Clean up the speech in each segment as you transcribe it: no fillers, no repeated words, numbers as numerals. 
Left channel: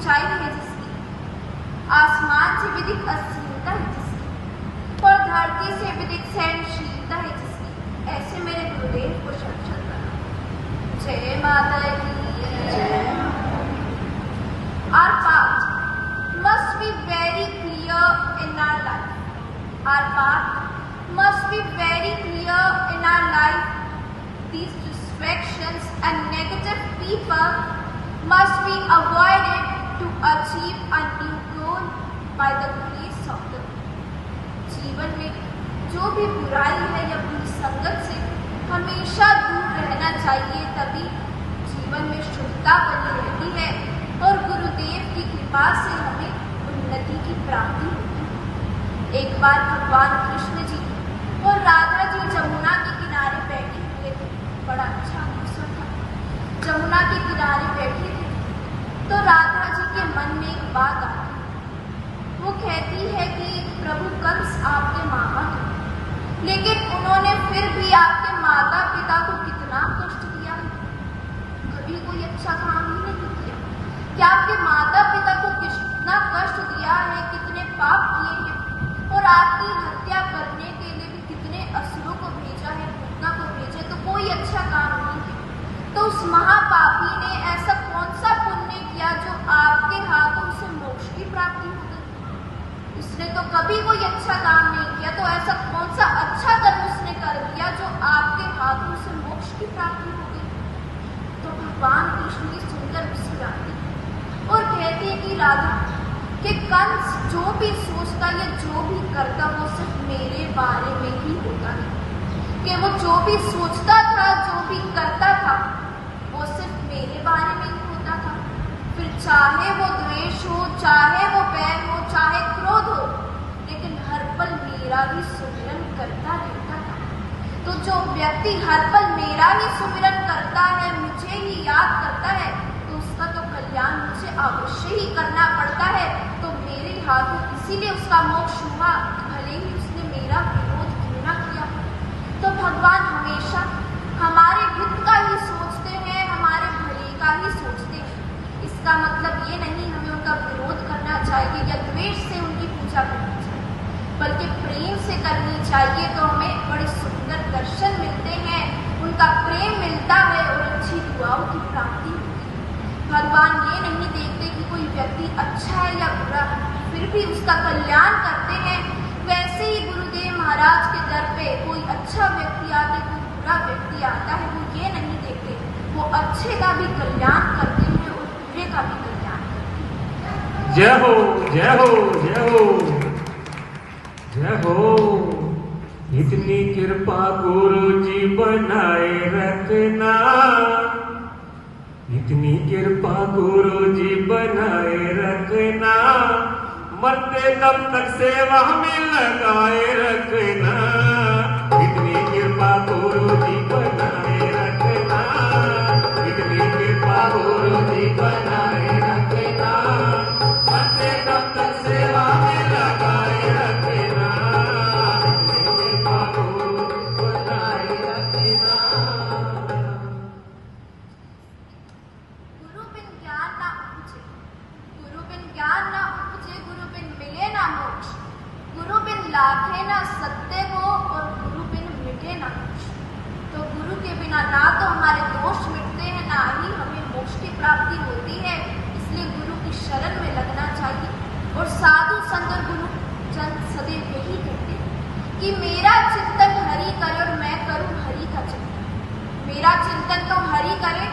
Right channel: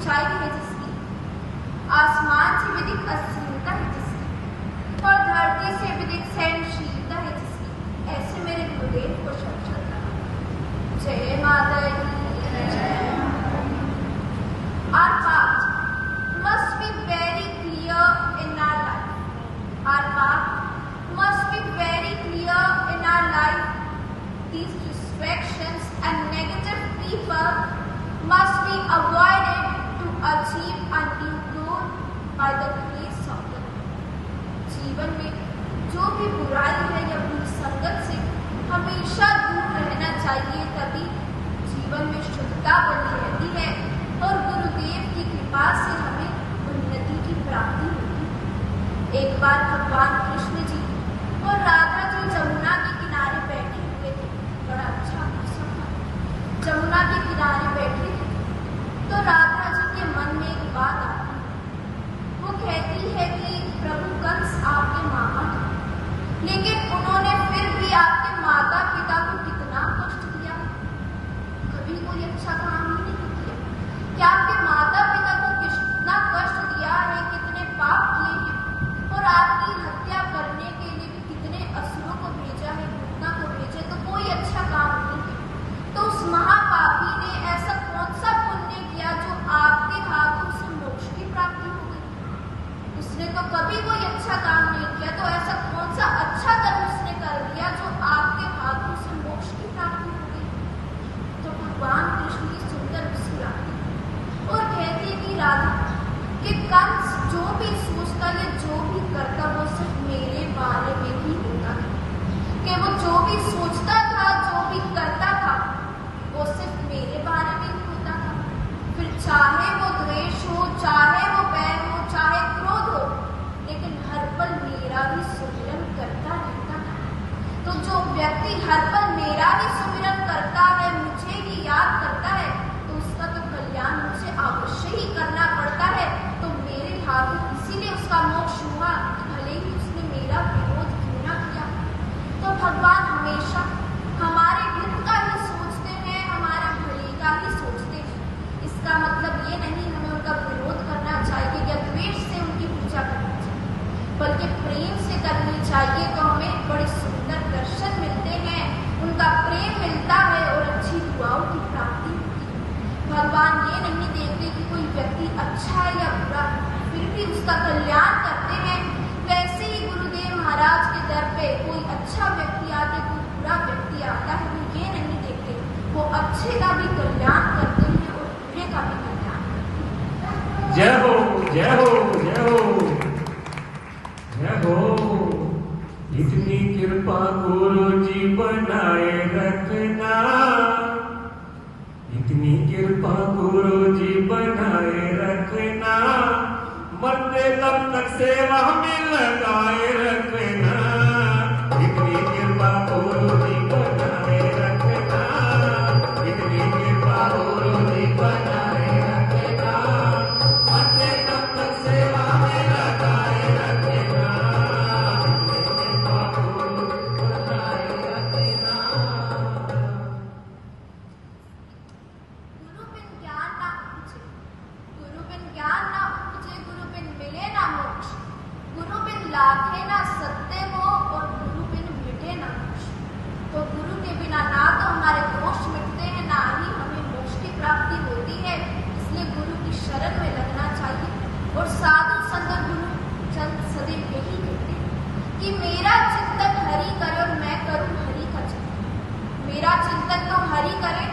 ऊंचाई है जिसकी, आसमान से विदित असीमता है जिसकी, और धरती से विदित सहनशीलता है जिसकी, ऐसे मेरे गुरुदेव को शब्द करना। जय माता दी, जय माता दी। Our path must be very clear in our life. Our path must be very clear in our life. These distractions and negative people must be avoided to achieve a new goal by the grace of the Lord. जीवन में जो भी बुराई है या बुरी संगत से हमेशा दूर रहना चाहिए, तभी जीवन में शुद्धता बनी रहती है और गुरुदेव की कृपा से हमें उन्नति की प्राप्ति होती है। एक बार भगवान कृष्ण जी और राधा जी जमुना के किनारे बैठे हुए थे। बड़ा अच्छा मौसम था, जमुना के किनारे बैठे थे तो राधा जी के मन में एक बात आती है। वो कहती है कि प्रभु कंस आपके मामा हैं, लेकिन उन्होंने फिर भी आपके माता पिता को कितना कष्ट दिया है, कभी कोई अच्छा काम ही नहीं किया। क्या आपके माता पिता को कितना कष्ट दिया है, कितने पाप किए हैं और आपकी हत्या करने के लिए भी कितने असुरों को भेजा है, भूतना को भेजा, तो कोई अच्छा काम नहीं किया। तो उस महापापी ने ऐसा कौन सा पुण्य किया जो आपके हाथों से मोक्ष की प्राप्ति हो गई? उसने तो कभी कोई अच्छा काम नहीं किया, तो ऐसा कौन सा अच्छा कर्म उसने कर दिया जो आपके हाथों से मोक्ष की प्राप्ति हो गई? तो भगवान कृष्ण की सुंदर मुस्कुराती और कहती है कि राधा कि कंस जो भी सोचता है, जो भी करता, वो सिर्फ मेरे बारे में ही होता है, कि वो जो भी सोचता था, जो भी करता था, वो सिर्फ मेरे बारे में ही होता था। फिर चाहे वो द्वेष हो, चाहे वो बैर हो, चाहे क्रोध हो, लेकिन हर पल मेरा ही सुमिरन करता रहता था। तो जो व्यक्ति हर पल मेरा ही सुमिरन करता है, मुझे ही याद करता है, तो उसका तो कल्याण मुझे अवश्य ही करना पड़ता है। तो मेरे हाथों इसीलिए उसका मोक्ष हुआ, भले ही उसने मेरा विरोध क्यों ना किया। तो भगवान हमेशा हमारे हित का ही सोचते हैं, हमारे भले का ही सोचते हैं। इसका मतलब ये नहीं हमें उनका विरोध करना चाहिए या द्वेष से उनकी पूजा करना चाहिए, बल्कि प्रेम से करनी चाहिए। तो हमें बड़े सुंदर दर्शन मिलते हैं, उनका प्रेम मिलता है और अच्छी दुआओं की प्राप्ति होती है। भगवान ये नहीं देखते कि कोई व्यक्ति अच्छा है या बुरा, फिर भी उसका कल्याण करते हैं। वैसे ही गुरुदेव महाराज के दर पे कोई अच्छा व्यक्ति आता है, कोई बुरा व्यक्ति आता है, वो ये नहीं देखते, वो अच्छे का भी कल्याण करते हैं और बुरे का भी कल्याण करते हैं। जय हो, जय हो, जय हो, जय हो। इतनी कृपा गुरु जी बनाए रखना, इतनी कृपा गुरु जी बनाए रखना, मरते तब तक सेवा में लगाए रखना। इतनी कृपा गुरु जी बनाए रखना, इतनी कृपा गुरु जी बनाए रखना, मरते तब तक सेवा में लगाए रखना। इतनी कृपा गुरु जी बनाए रखना। गुरु बिन ज्ञान ना उपजे, गुरु बिन ज्ञान ना उपजे, गुरु बिन मिले ना मोक्ष, गुरु बिन लाखे ना सत्य को और गुरु बिन मिटे ना मोक्ष। तो गुरु के बिना ना तो हमारे दोष मिटते हैं, ना ही हमें मोक्ष की प्राप्ति होती है। इसलिए गुरु की शरण में लगना चाहिए। और साधु संत गुरु जन सदैव यही कहते हैं कि मेरा चिंतन हरि करे और मैं करूं हरि का चिंतन। मेरा चिंतन तो हरि करे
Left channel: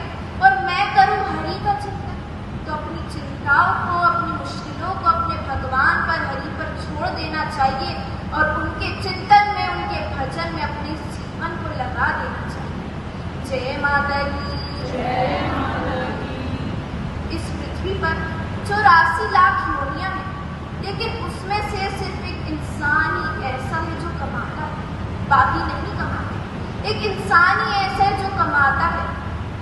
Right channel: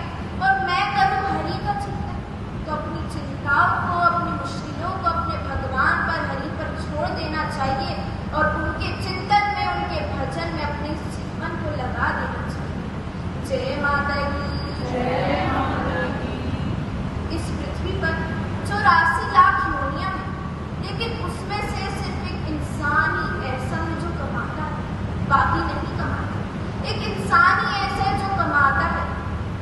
और मैं करूं हरि का चिंतन। तो अपनी चिंताओं को, अपनी मुश्किलों को अपने भगवान पर, हरि पर छोड़ देना चाहिए और उनके चिंतन में, उनके भजन में अपने जीवन को लगा देना चाहिए। जय माता दी, जय माता दी। इस पृथ्वी पर 84 लाख योनियां हैं, लेकिन उसमें से सिर्फ एक इंसान ही ऐसा है जो कमाता है, बाकी नहीं कमाते। एक इंसान ही ऐसा है जो कमाता है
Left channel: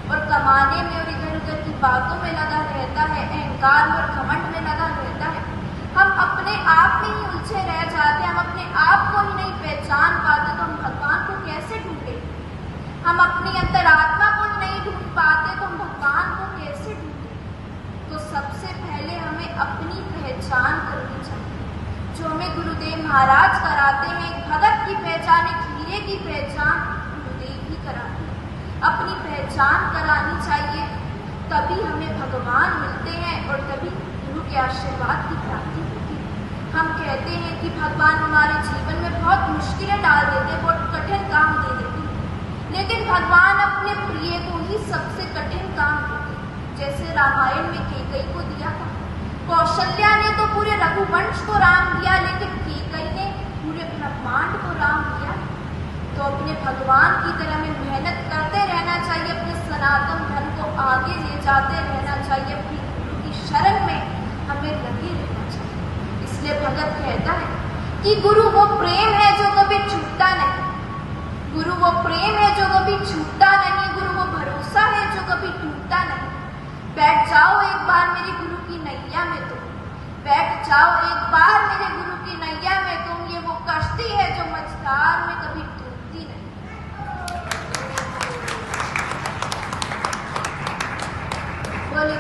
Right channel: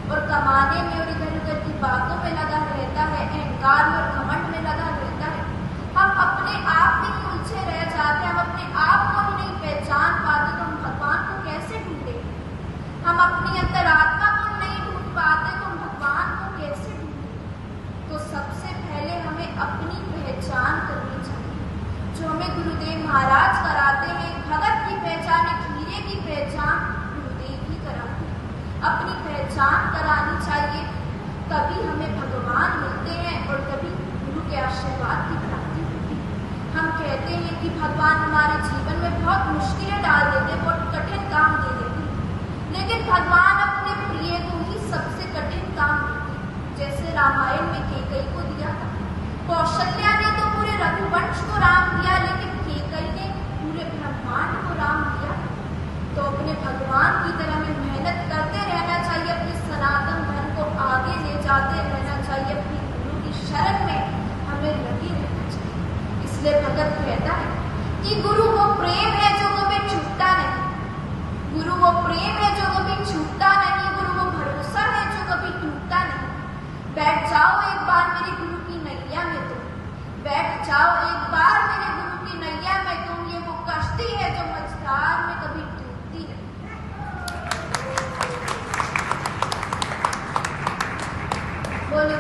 और कमाने में और इधर उधर की बातों में लगा रहता है, अहंकार में और घमंड में लगा रहता है। हम अपने आप में ही उलझे रह जाते हैं, हम अपने आप को ही नहीं पहचान पाते, तो हम भगवान को कैसे ढूंढेंगे? हम अपनी अंतरात्मा को नहीं ढूंढ पाते, तो हम भगवान को कैसे ढूंढेंगे? तो सबसे पहले जो हमें गुरुदेव महाराज कराते हैं। भगत की पहचान एक हीरे की पहचान गुरुदेव ही कराते हैं। अपनी पहचान करानी चाहिए, तभी हमें भगवान मिलते हैं और तभी गुरु के आशीर्वाद की प्राप्ति होती है। हम कहते हैं कि भगवान हमारे जीवन में बहुत मुश्किलें डाल देते हैं, बहुत कठिन काम दे देते हैं, लेकिन भगवान अपने प्रिय को ही सबसे कठिन काम देते हैं। जैसे रामायण में कैकेयी को दिया, कौशल्या ने तो पूरे रघुवंश को राम दिया, लेकिन कैकेयी ने पूरे ब्रह्मांड को राम दिया। तो अपने भगवान की तरह हमें मेहनत करते रहना चाहिए, अपने सनातन धर्म को आगे ले जाते रहना चाहिए, अपनी गुरु की शरण में हमें लगे रहना चाहिए। इसलिए भगत कहता है कि गुरु वो प्रेम है जो कभी छूटता नहीं, गुरु वो प्रेम है जो कभी छूटता नहीं, गुरु वो भरोसा है जो कभी टूटता नहीं। बैठ जाओ एक बार मेरे गुरु की नैया में तुम, बैठ जाओ एक बार मेरे गुरु की नैया में तुम, ये वो कश्ती है जो मझधार में कभी डूबती नहीं। बोले